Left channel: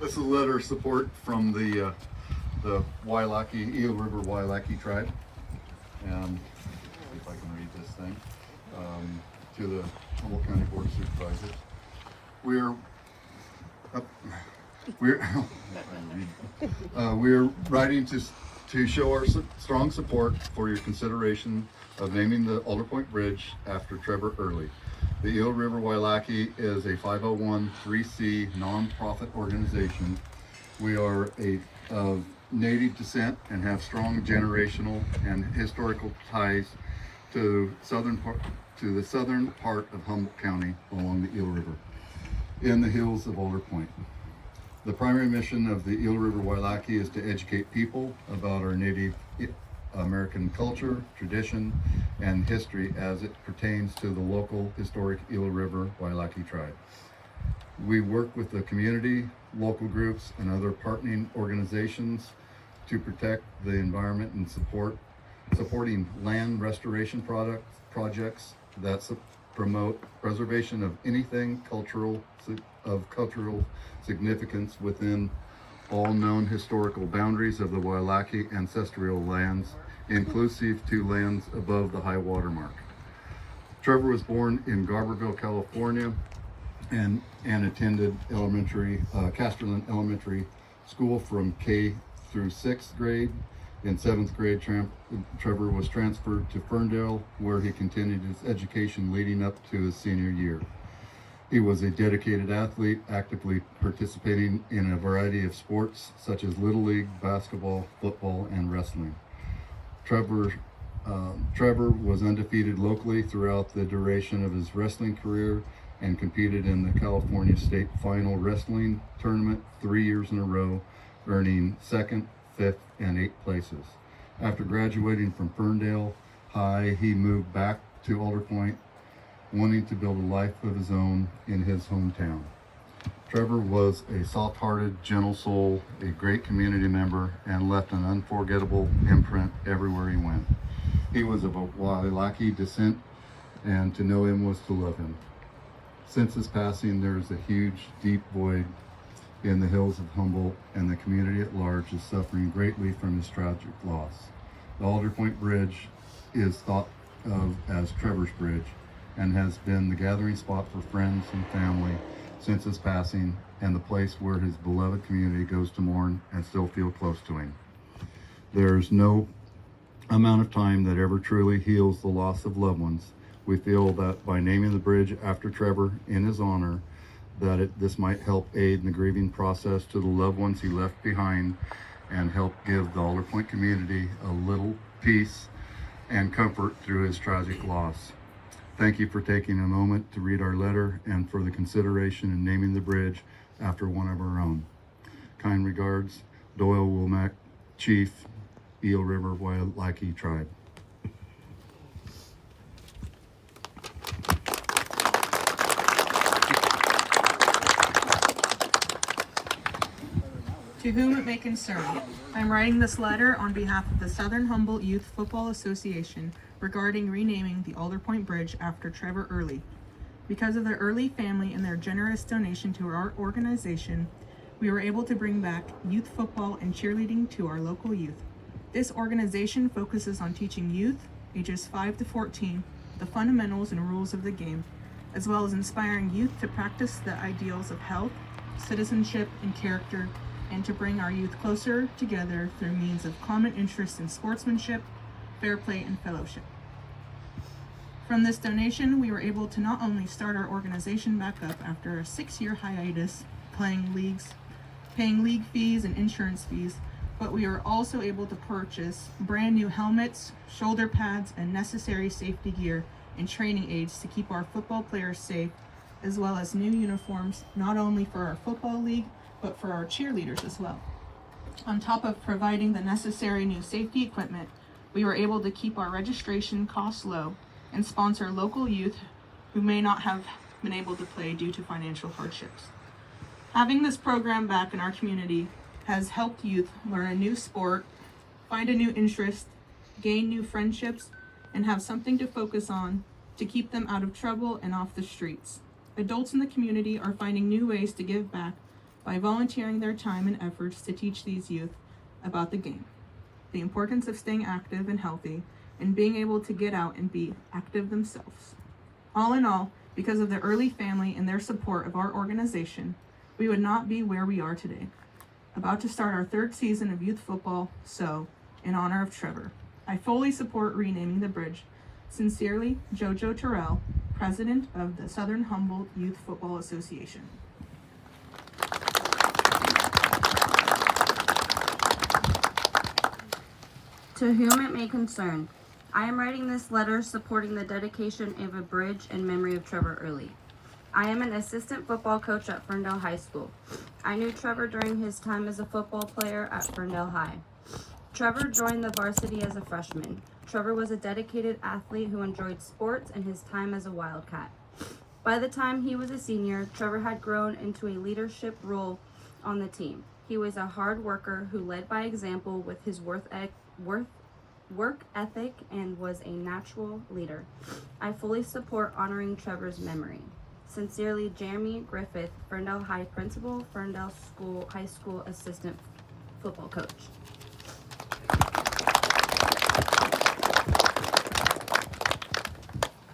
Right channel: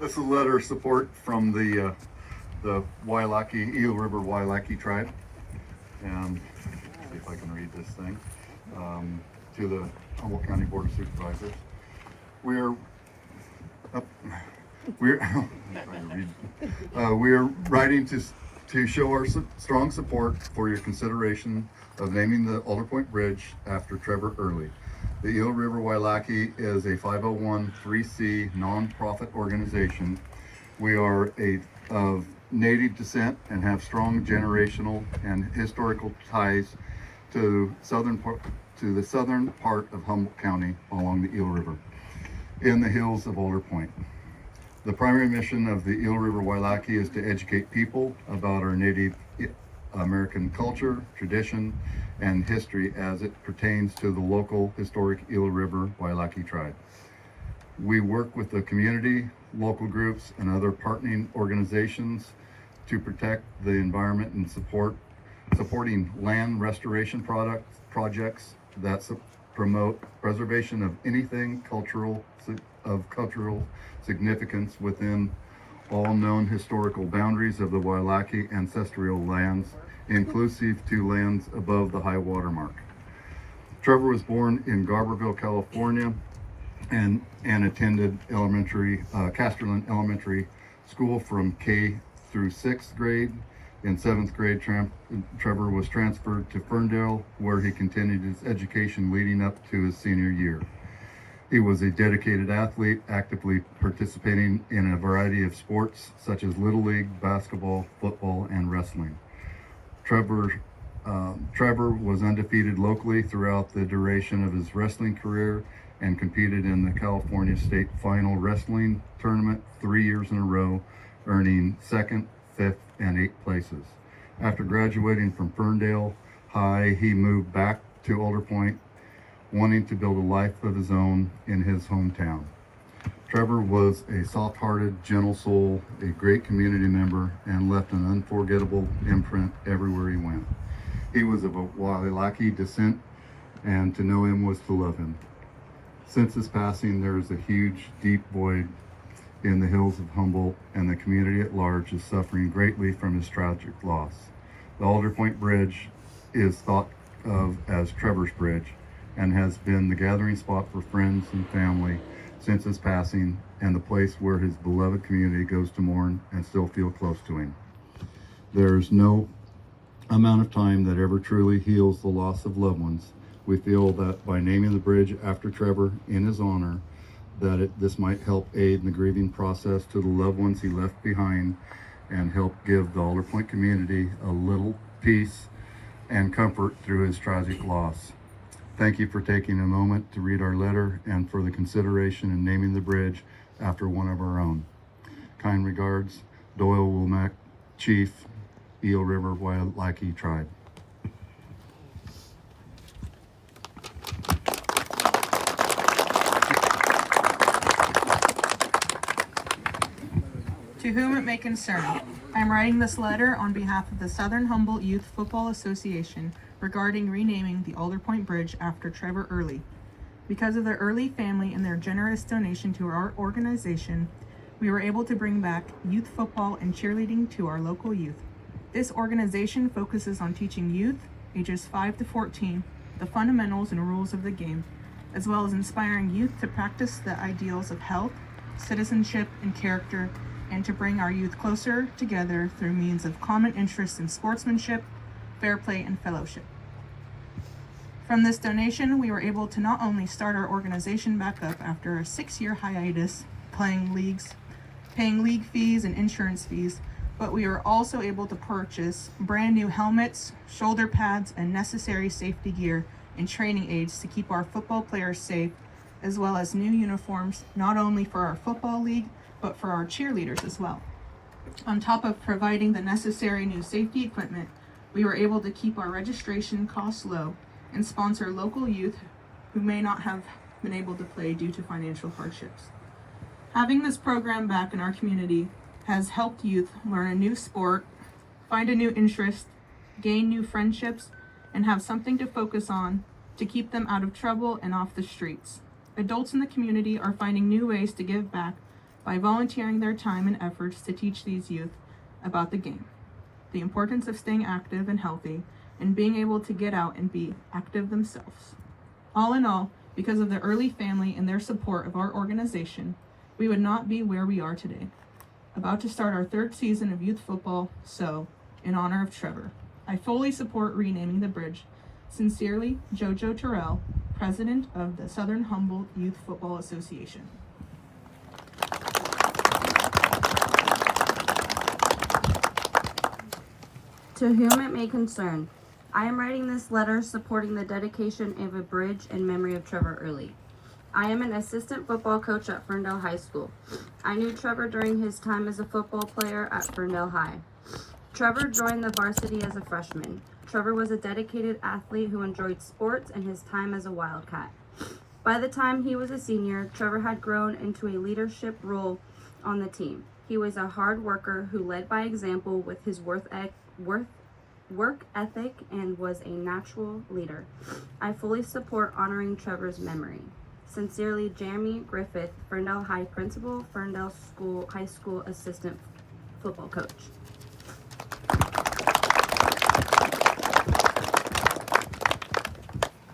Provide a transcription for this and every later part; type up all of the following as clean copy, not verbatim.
This is a letter of support from the Wailaki, Eel River Wailaki tribe. And see if I can read this thing. To the Humboldt County Board of Supervisors. We're writing to show our strong support for your consideration of naming the Alderpoint Bridge after Trevor Earley. The Eel River Wailaki is a 501(c) nonprofit organization. We are of Native descent and have strong generational and historical ties to the southern part of Humboldt County along the Eel River in the hills of Alderpoint. The primary mission of the Eel River Wailaki is to educate people about our Native American culture, tradition, and history as it pertains to the local historic Eel River Wailaki tribe. We work with the community, local groups, and other partnering organizations to protect the environment and supporting land restoration projects that promote preservation of anything cultural significance within all known historical boundaries of the Wailaki ancestral lands, inclusive to lands above the high water mark. Trevor was born in Garberville, California, and attended Casterland Elementary School from K through 6th grade. In 7th grade, Trevor was transferred to Ferndale, where he continued his education leading up to his senior year. He was a dedicated athlete, actively participating in a variety of sports such as Little League, basketball, football, and wrestling. Trevor was undefeated locally throughout the duration of his wrestling career and competed in the California State Final Wrestling Tournament 3 years in a row, earning 2nd, 5th, and 8th places. After graduating from Ferndale High, he moved back to Alderpoint, wanting to build a life of his own in his hometown. Trevor was a soft-hearted, gentle soul, a great community member, and left an unforgettable imprint everywhere he went. He was of a Wailaki descent, and to know him was to love him. Since his passing, there is a huge, deep void in the hills of Humboldt, and the community at large is suffering greatly from his tragic loss. The Alderpoint Bridge is thought of as Trevor's Bridge and has been the gathering spot for friends and family since his passing, and the place where his beloved community goes to mourn and still feel close to him. There's no amount of time that ever truly heals the loss of loved ones. We feel that by naming the bridge after Trevor in his honor, this might help aid in the grieving process to the loved ones he left behind and help give the Alderpoint community a little peace and comfort through his tragic loss. Thank you for taking a moment to read our letter and for the consideration in naming the bridge after one of our own. Kind regards, Doyle Womack, Chief, Eel River Wailaki Tribe. To whom it may concern, I am writing this letter on behalf of the Southern Humboldt Youth Football Association regarding renaming the Alderpoint Bridge after Trevor Earley. Because of the Earley family and their generous donation to our organization, we were able to bring back youth football and cheerleading to our local youth. This organization focuses on teaching youth, ages 5 to 14, the fundamentals and rules of the game, as well as inspiring youth to practice the ideals of health, citizenship, and character, and to bring our youth closer together through means of common interest in sportsmanship, fair play, and fellowship. From this donation, we were able to not only start our organization back up after a 6-year hiatus, paying league fees and insurance fees, but we were also able to purchase brand new helmets, shoulder pads, and necessary safety gear and training aids to keep our football players safe, as well as new uniforms, not only for our football league, but for our cheerleaders as well. On top of providing the necessary new safety equipment, we were able to keep our registration costs low and sponsor local youth who may not have been able to play due to financial hardships. Having this program back in our community has helped youth learn a new sport, find a new interest, gain new friendships, and have something to focus on to keep them out of trouble and off the streets. Adults in the community are finding new ways to give back by volunteering their time and efforts to teach these youth about the game, the importance of staying active and healthy, and being able to get out and be active themselves. All in all, because of the Earley family and their support of our organization, we would not be where we are today. About to start our third season of youth football, so, in honor of Trevor, I fully support renaming the bridge. Sincerely, JoJo Terrell, President of the Southern Humboldt Youth Football Association. To whom it may concern, I am writing this letter supporting the dedication of a bridge in memory of Trevor Earley. I am an assistant football coach at Ferndale High School. I knew Trevor during his time as a football player at Ferndale High. Trevor joined the varsity as a freshman. Trevor was a dedicated athlete who enjoyed sports and his time as a Wildcat. By the time he was a senior, Trevor had grown into a leadership role on the team. He was a hard worker who led by example with his work ethic and was a natural leader. I fully support honoring Trevor's memory. Sincerely, Jeremy Griffith, Ferndale High Principal, Ferndale High School Assistant Football Coach.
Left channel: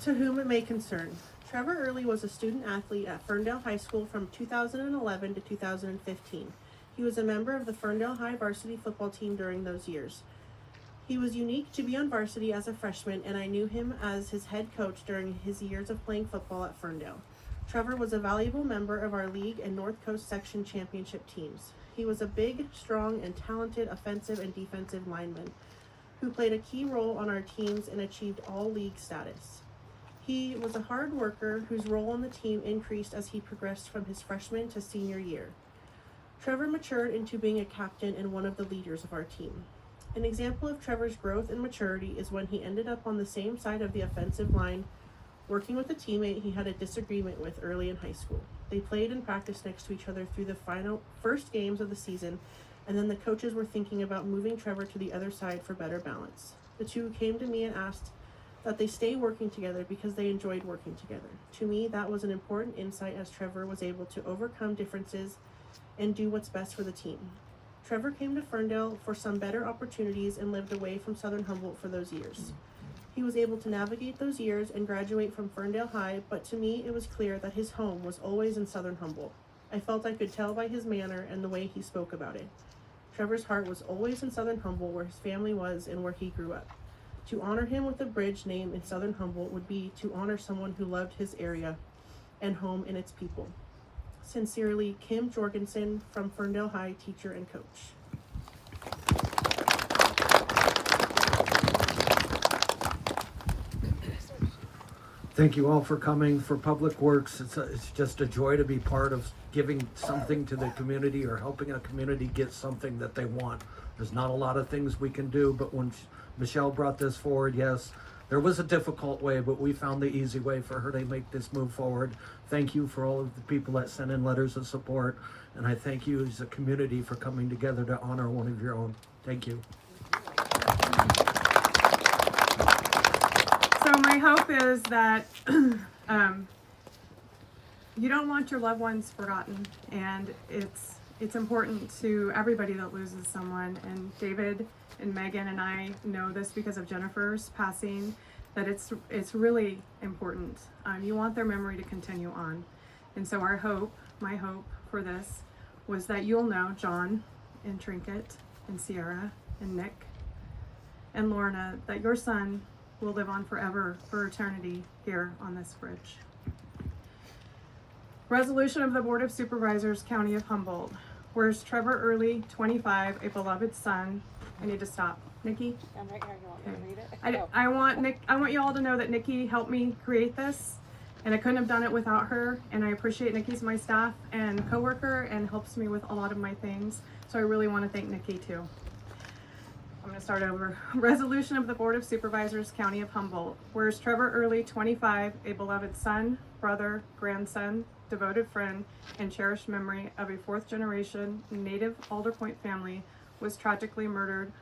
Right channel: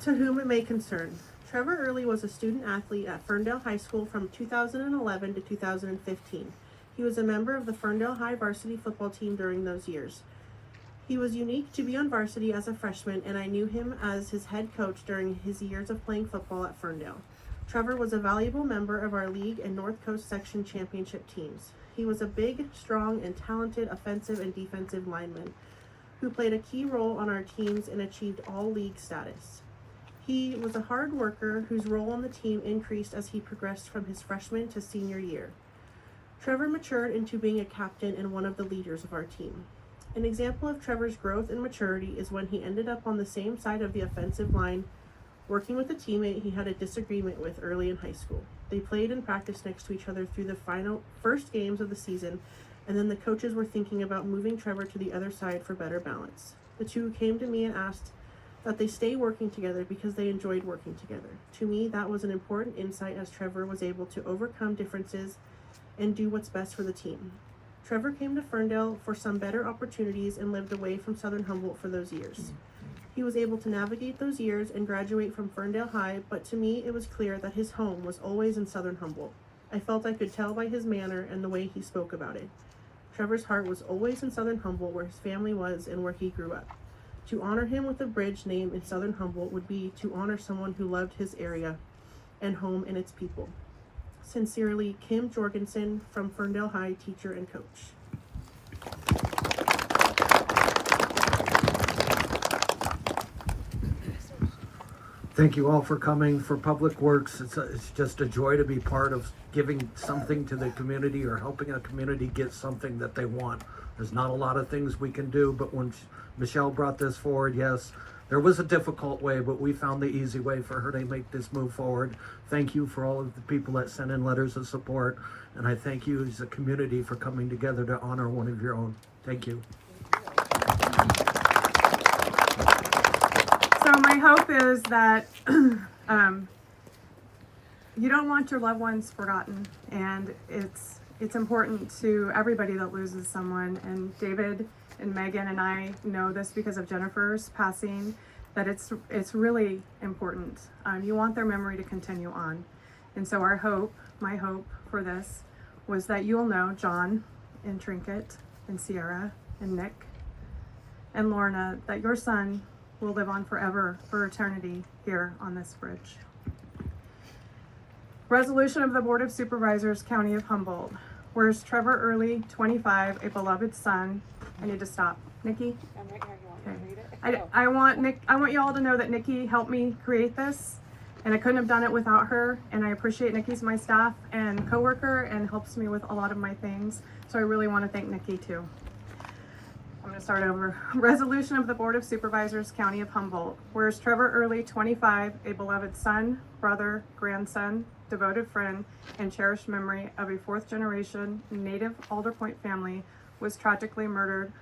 To whom it may concern, Trevor Earley was a student athlete at Ferndale High School from 2011 to 2015. He was a member of the Ferndale High varsity football team during those years. He was unique to be on varsity as a freshman, and I knew him as his head coach during his years of playing football at Ferndale. Trevor was a valuable member of our league and North Coast section championship teams. He was a big, strong, and talented offensive and defensive lineman who played a key role on our teams and achieved all league status. He was a hard worker whose role on the team increased as he progressed from his freshman to senior year. Trevor matured into being a captain and one of the leaders of our team. An example of Trevor's growth and maturity is when he ended up on the same side of the offensive line, working with a teammate he had a disagreement with early in high school. They played and practiced next to each other through the first games of the season, and then the coaches were thinking about moving Trevor to the other side for better balance. The two came to me and asked that they stay working together because they enjoyed working together. To me, that was an important insight as Trevor was able to overcome differences and do what's best for the team. Trevor came to Ferndale for some better opportunities and lived away from Southern Humboldt for those years. He was able to navigate those years and graduate from Ferndale High, but to me it was clear that his home was always in Southern Humboldt. I felt I could tell by his manner and the way he spoke about it. Trevor's heart was always in Southern Humboldt, where his family was and where he grew up. To honor him with a bridge name in Southern Humboldt would be to honor someone who loved his area and home and its people. Sincerely, Kim Jorgensen from Ferndale High, teacher and coach. Thank you all for coming. For Public Works, it's just a joy to be part of giving something to the community or helping a community get something that they want. There's not a lot of things we can do, but when Michelle brought this forward, yes, there was a difficult way, but we found the easy way for her to make this move forward. Thank you for all of the people that sent in letters of support, and I thank you as a community for coming together to honor one of your own. Thank you. So my hope is that you don't want your loved ones forgotten, and it's important to everybody that loses someone. And David and Megan and I know this because of Jennifer's passing, that it's really important. You want their memory to continue on, and so my hope for this was that you'll know John and Trinket and Sierra and Nick and Lorna, that your son will live on forever, for eternity, here on this bridge. Resolution of the Board of Supervisors, County of Humboldt. Whereas Trevor Earley, 25, a beloved son. I need to stop. Nikki? I'm right here. You Okay. want me to read it? I want you all to know that Nikki helped me create this, and I couldn't have done it without her. And I appreciate Nikki's my staff and coworker and helps me with a lot of my things. So I really want to thank Nikki too. I'm going to start over. Resolution of the Board of Supervisors, County of Humboldt. Whereas Trevor Earley, 25, a beloved son, brother, grandson, devoted friend, and cherished memory of a fourth-generation native Alderpoint family, was tragically murdered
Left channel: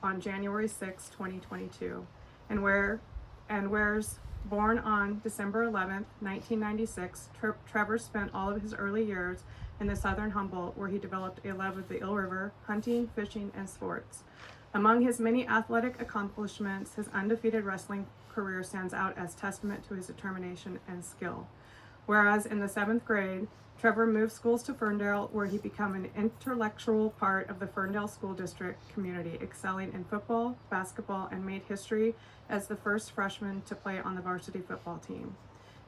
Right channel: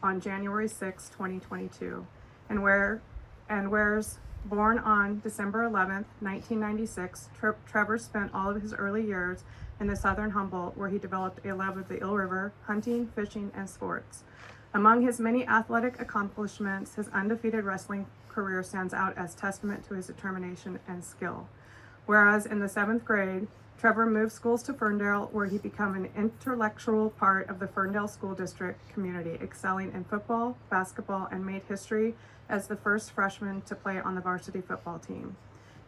on January 6, 2022. And whereas Born on December 11th, 1996, Trevor spent all of his early years in the southern Humboldt, where he developed a love of the Eel River, hunting, fishing, and sports. Among his many athletic accomplishments, his undefeated wrestling career stands out as testament to his determination and skill. Whereas in the 7th grade, Trevor moved schools to Ferndale, where he became an intellectual part of the Ferndale School District community, excelling in football, basketball, and made history as the first freshman to play on the varsity football team.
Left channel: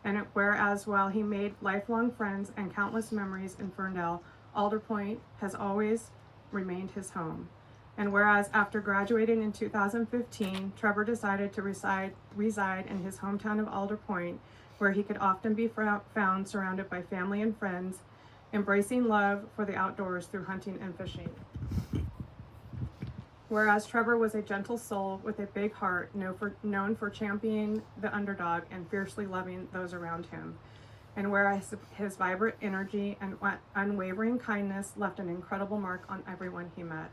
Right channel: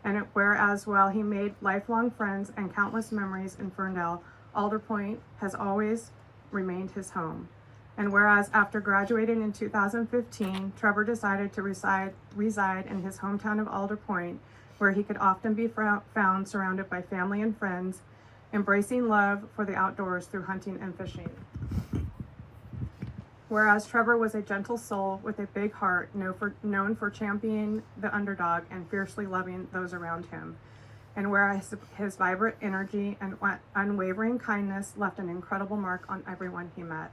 And whereas while he made lifelong friends and countless memories in Ferndale, Alderpoint has always remained his home. And whereas after graduating in 2015, Trevor decided to reside in his hometown of Alderpoint, where he could often be found surrounded by family and friends, embracing love for the outdoors through hunting and fishing. Whereas Trevor was a gentle soul with a big heart, known for championing the underdog and fiercely loving those around him. And whereas his vibrant energy and unwavering kindness left an incredible mark on everyone he met.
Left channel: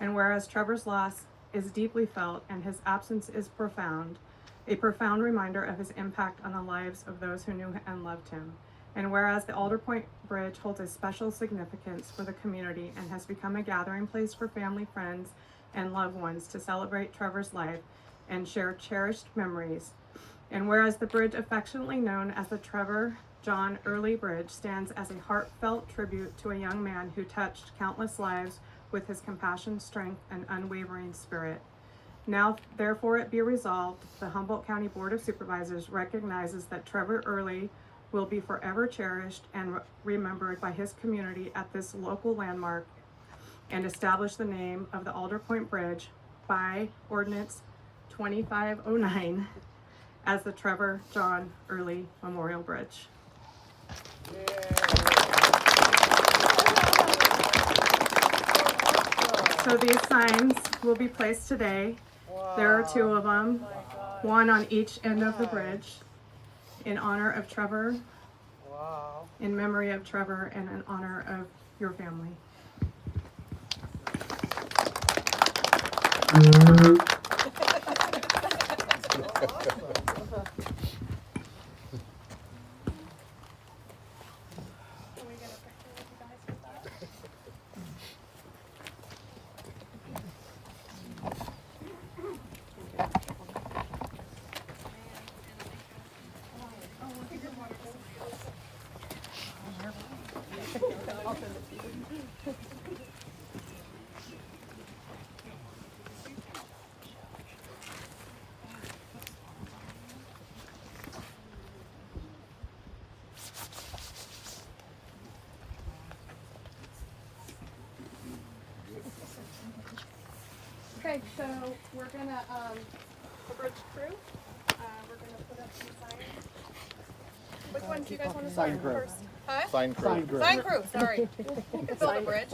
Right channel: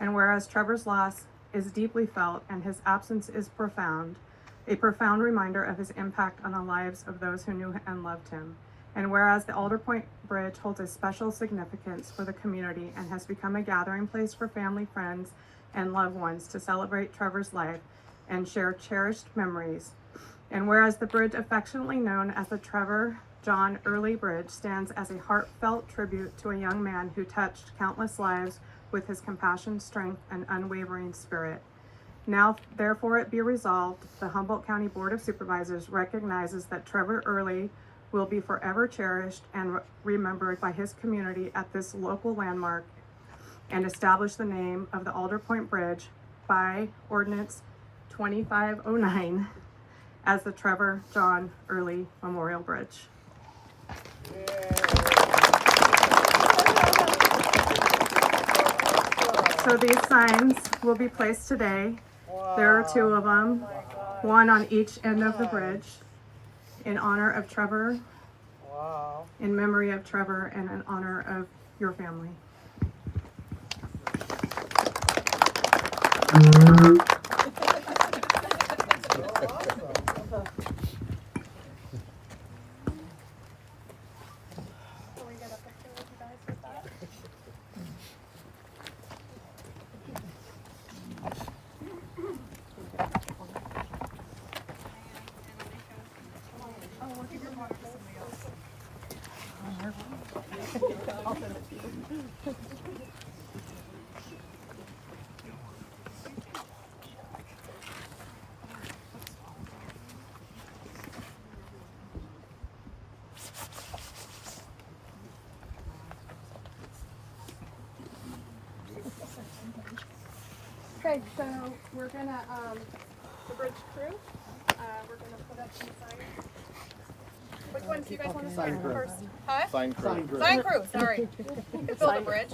And whereas Trevor's loss is deeply felt and his absence is profound, a profound reminder of his impact on the lives of those who knew and loved him. And whereas the Alderpoint Bridge holds a special significance for the community and has become a gathering place for family, friends, and loved ones to celebrate Trevor's life and share cherished memories. And whereas the bridge, affectionately known as the Trevor John Earley Bridge, stands as a heartfelt tribute to a young man who touched countless lives with his compassion, strength, and unwavering spirit. Now, therefore, it be resolved, the Humboldt County Board of Supervisors recognizes that Trevor Earley will be forever cherished and remembered by his community at this local landmark, and establish the name of the Alderpoint Bridge by Ordinance 2509 as the Trevor John Earley Memorial Bridge. So these signs will be placed today. There are 2 of them, one on each end of the bridge, in honor of Trevor, in memory of Trevor, and in honor of your family. Okay, so we're gonna, the bridge crew, we're gonna put up some signs. Which ones do you guys want to sign first? Huh? Sign crew. Sign crew, sorry. You can build a bridge.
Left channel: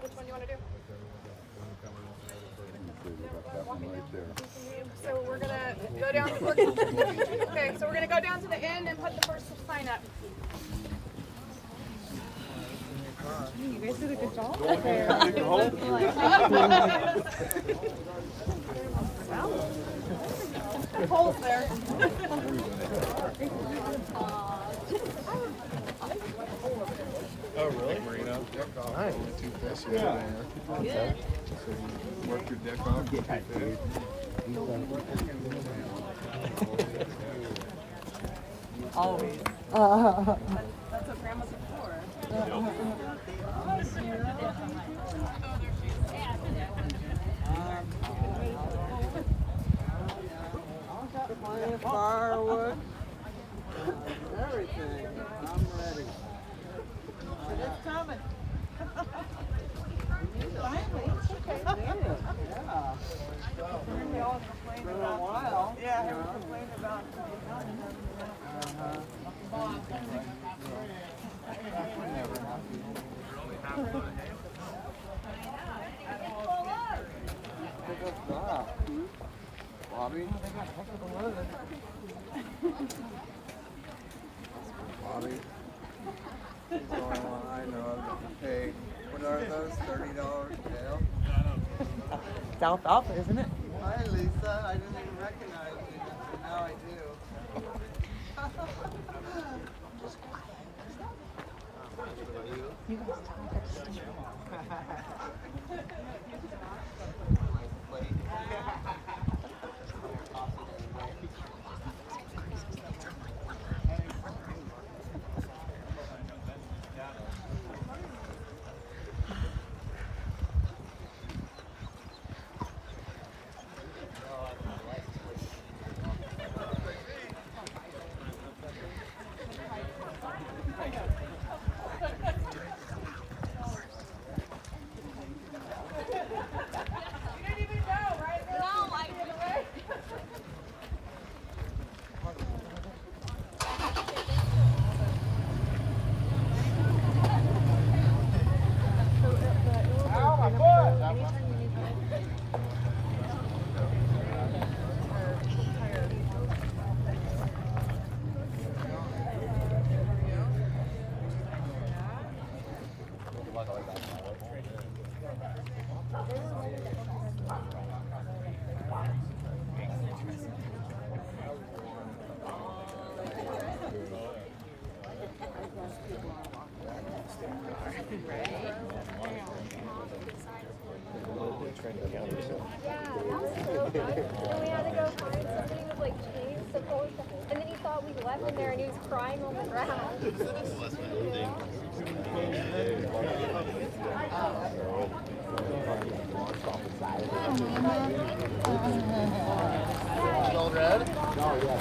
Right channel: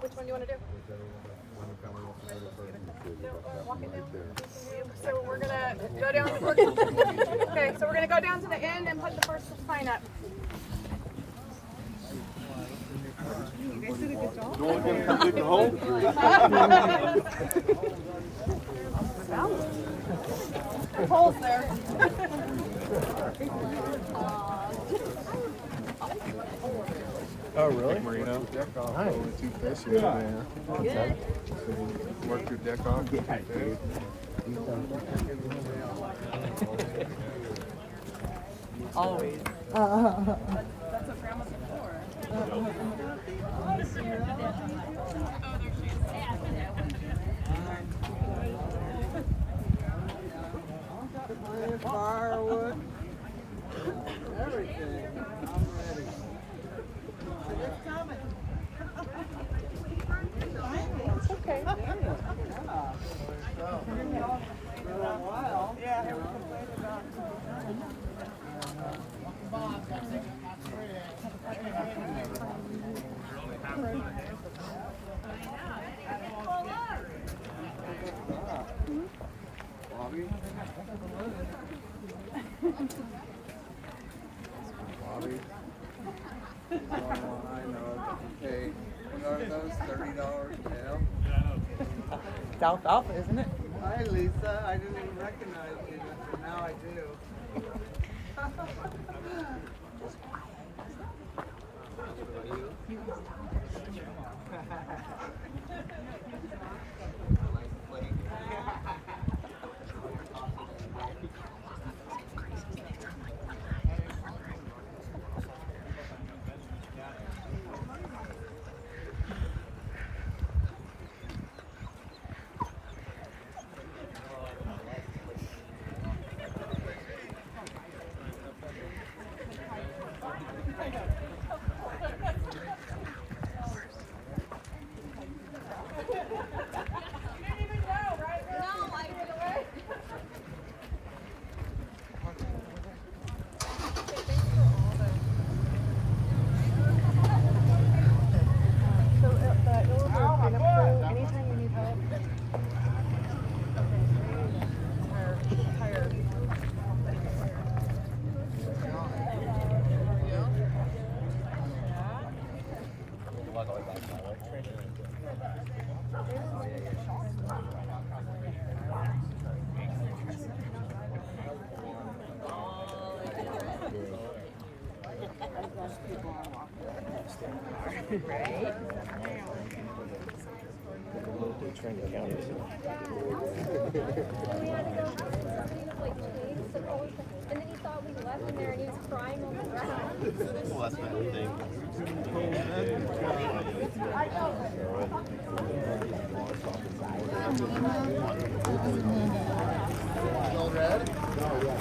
Which one do you want to do? No, walk it down. So we're gonna go down. Okay, so we're gonna go down to the end and put the first sign up. You guys did a good job up there. Holes there. Oh, really? Yeah. Work your deck off. Yeah, dude. Always. That's what Grandma's for. Hi, Sierra. How you doing? Oh, there she is. I've got plenty of firewood. Everything. I'm ready. It's coming. Finally. Okay. Yeah. We all complained about a while. Yeah, they were complaining about Bobby? alfalfa, isn't it? Hi, Lisa. I didn't even recognize you. Now I do. And then he thought we left him there and he was crying on the ground. Still red? Oh, yeah.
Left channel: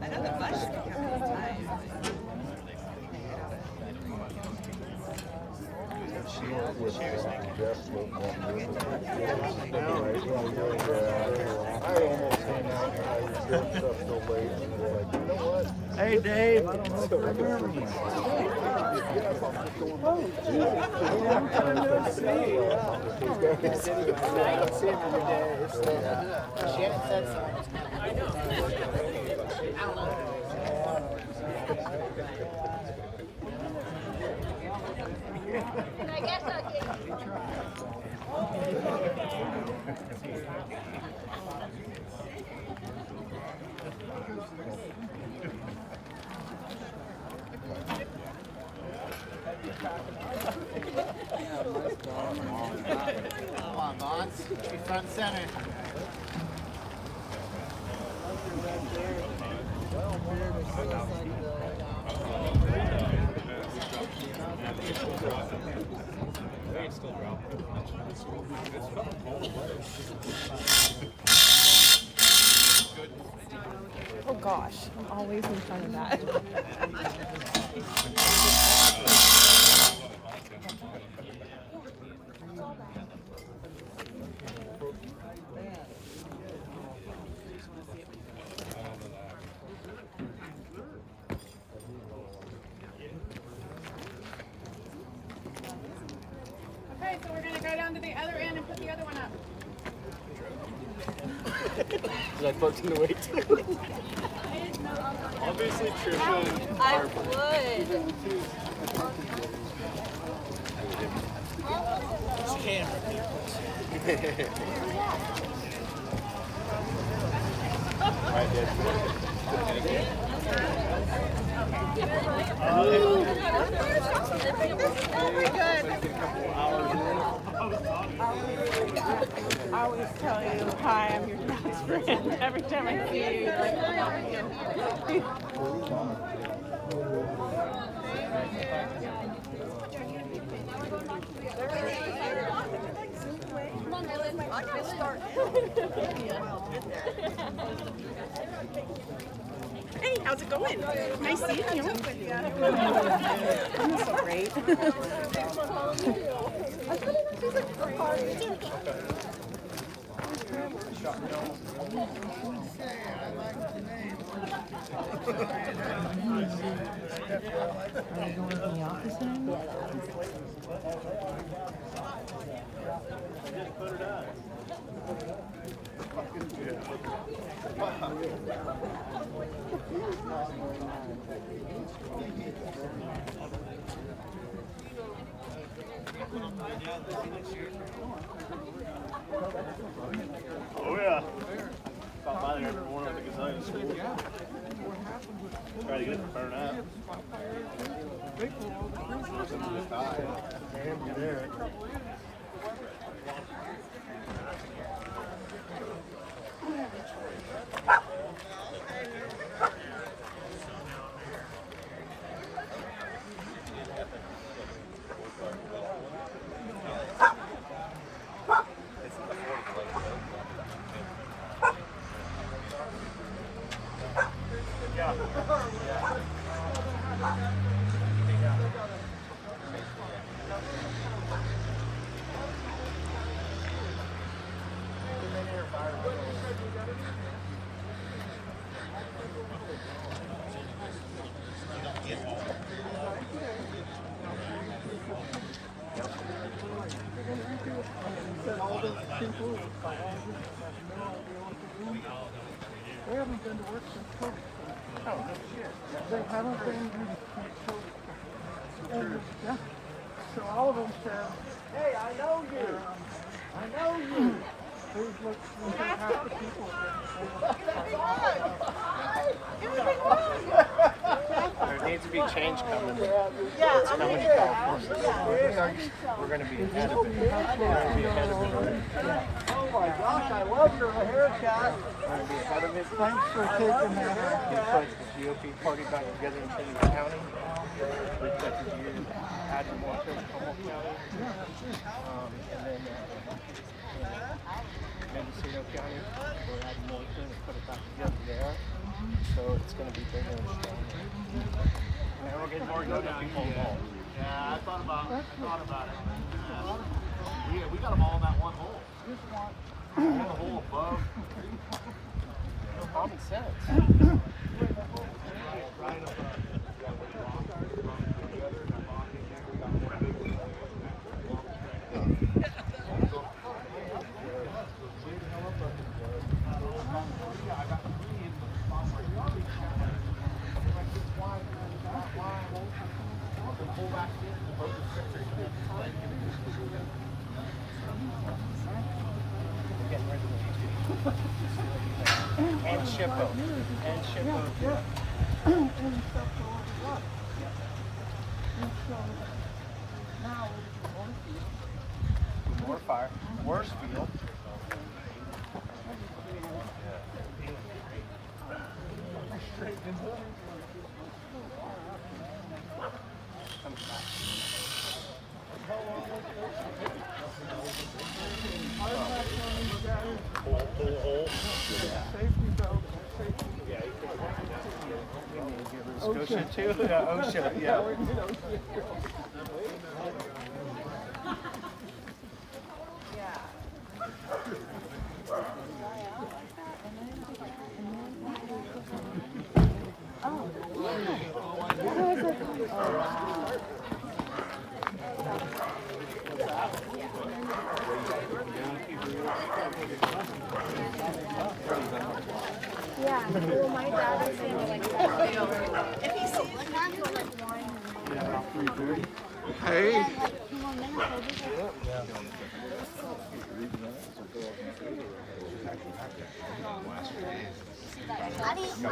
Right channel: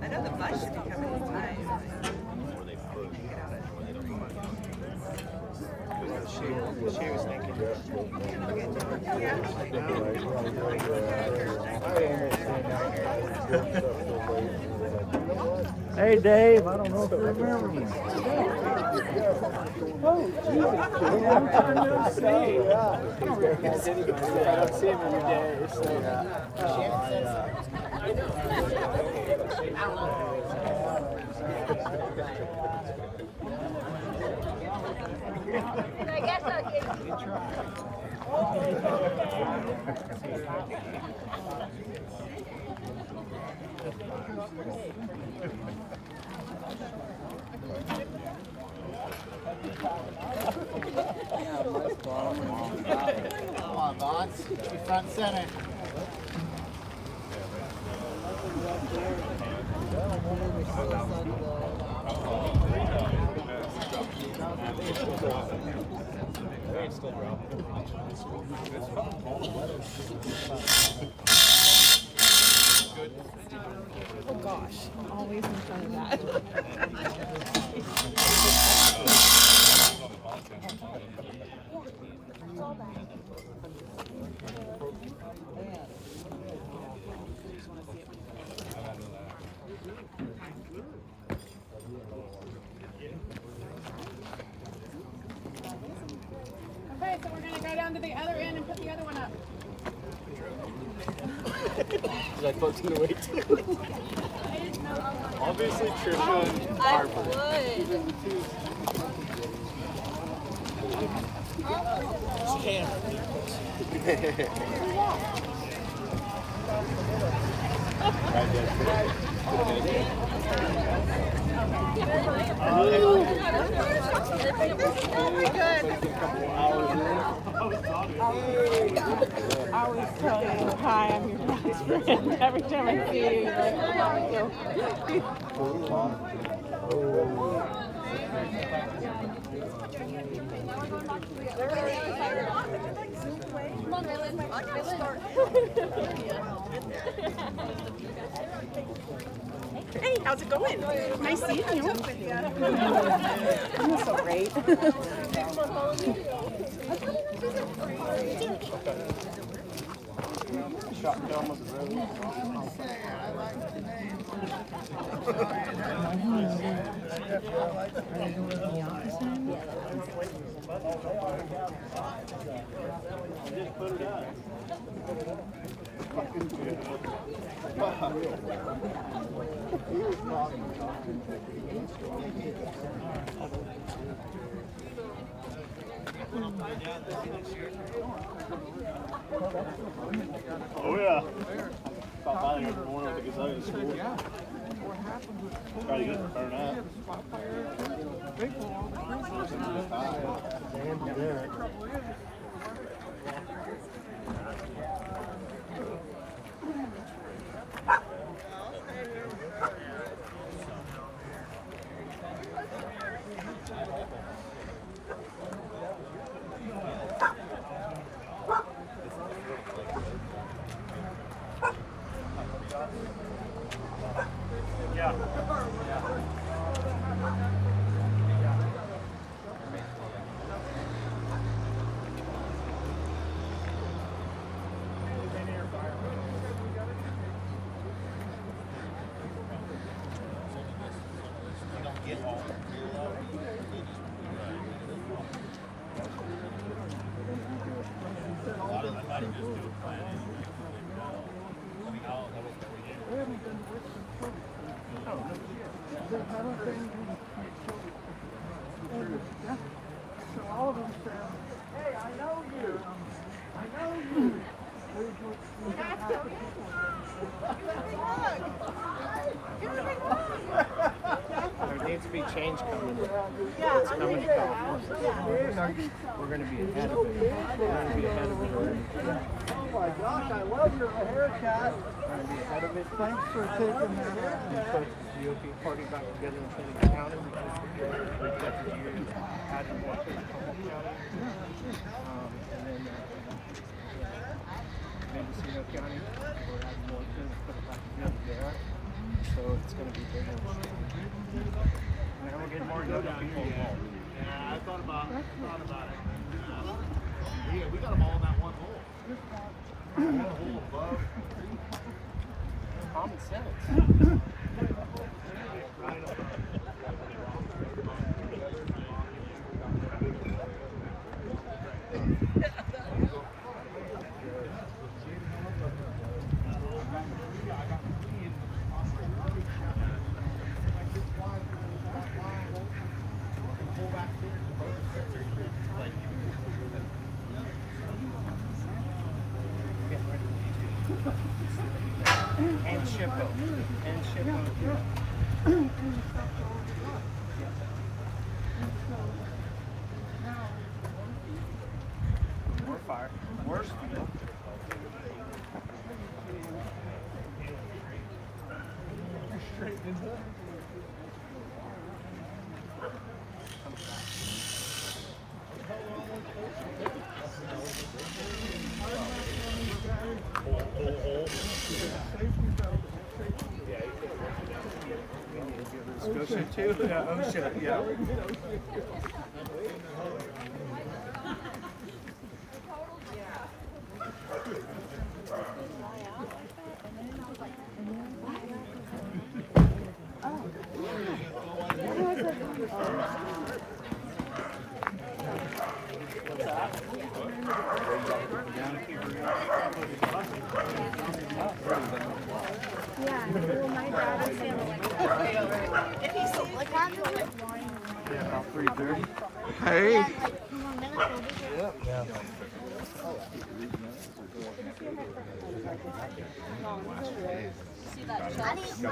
I know the bus should be coming in time. Hey, Dave. I don't know if you remember me. Shannon said come on, boss. Be front and center. Oh gosh, I'm always in front of that. Okay, so we're gonna go down to the other end and put the other one up. Because I booked him to wait too. Obviously, Trisha and Harper. would. Very good. Hi, I'm your friend. Every time I see you. Come on, Rylan. I gotta start. Hey, how's it going? Nice seeing you. You're so great. Are they going to the office anymore? Oh yeah. Talking to those guys, he said, yeah, what happened was they had a spot fire too. They pulled all the prisoners and built the spot. They haven't been to work since COVID. They haven't been yeah. So all of them said, hey, I know you. I know you. Here's what half the people. There needs to be change coming. Yeah, It's coming to California. We're going to be ahead of it. We're going to be ahead of it. Oh my gosh, I love your haircut. Thanks for taking that. We put the UOP party back together in Kennedy County. We've got the year adding more to the county. And then Mendocino County, they're adding more to it, put it back together there. So it's going to be bigger. Now we're getting more go down here. Yeah, I thought about it. Yeah, we got them all in that one hole. One hole above. No common sense. And Shippo. And Shippo. More fire. More speed. Ocean too? Yeah, ocean, yeah. What's that? Yeah. Well, my dad if he sees like why do like wine and Hey. come on, never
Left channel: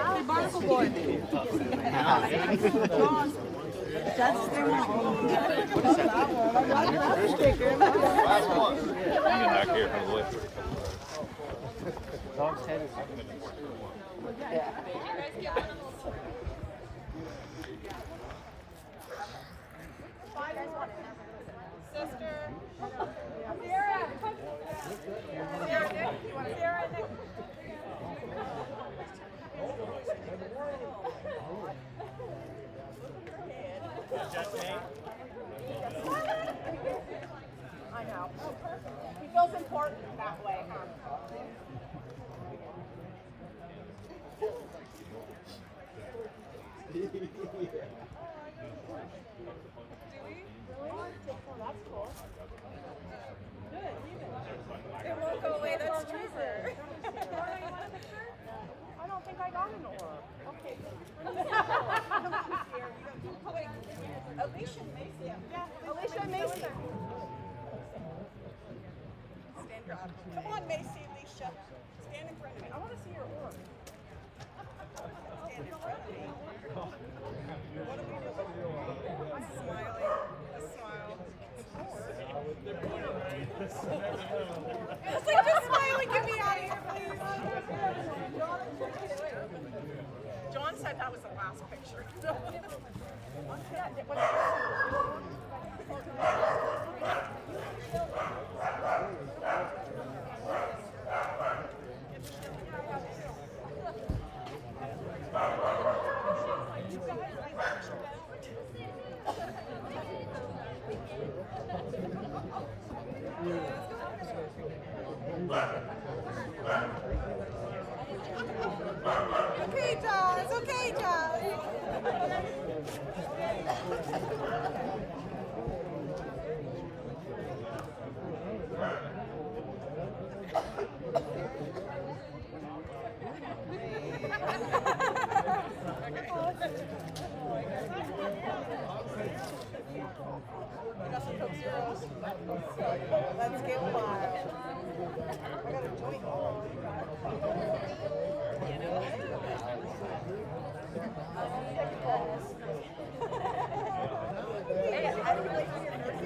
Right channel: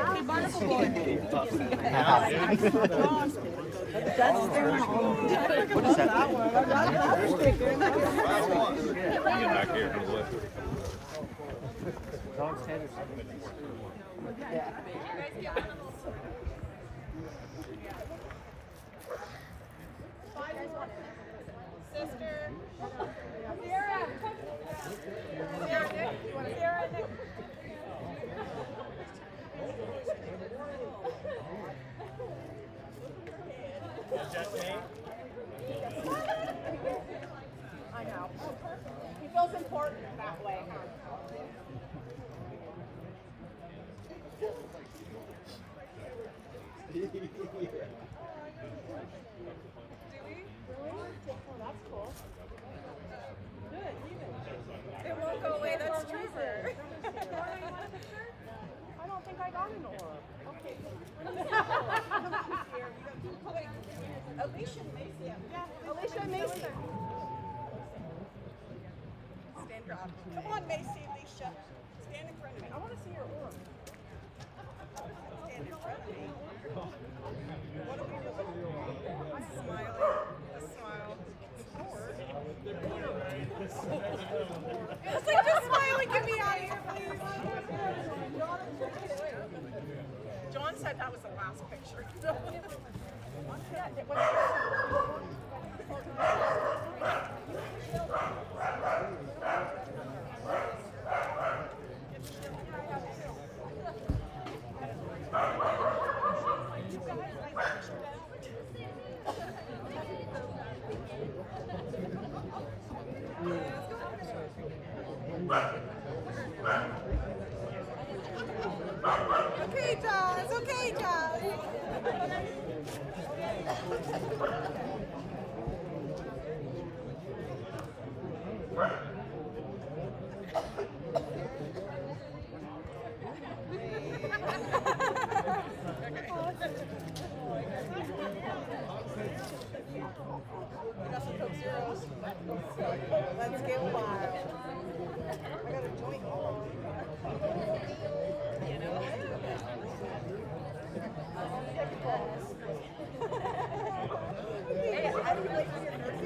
Hey, Barnacle boy. That's the one. I love that one. I got that sticker. Dog's head is. Sister. Sarah. Sarah, Nick. You want Sarah, Nick? I know. He feels important that way, huh? Oh, that's cool. Good, even. It won't go away. That's Trevor. I don't think I got an orb. Okay. Alicia Macy. Yeah, Alicia Macy. God. Come on, Macy, Alicia. Stand in front of me. I want to see your orb. Stand in front of me. What are we doing? I'm smiling. A smile. It's like, just smile and get me out of here, please. John said that was the last picture. Okay, Josh. Okay, Josh. You got some Coke Zeros? Let's get wild. I got a joint on. You know what? Hey, I don't like your nervous.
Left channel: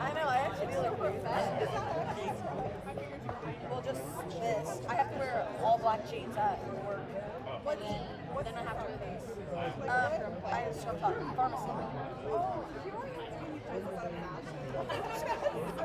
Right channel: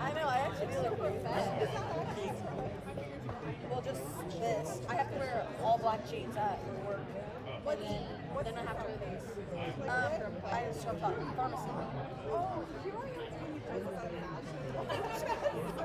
I know, I actually look professional. Well, just this. I have to wear all black jeans at work. Then I have to wear these. I just from pharmacy. Oh, you only have to when you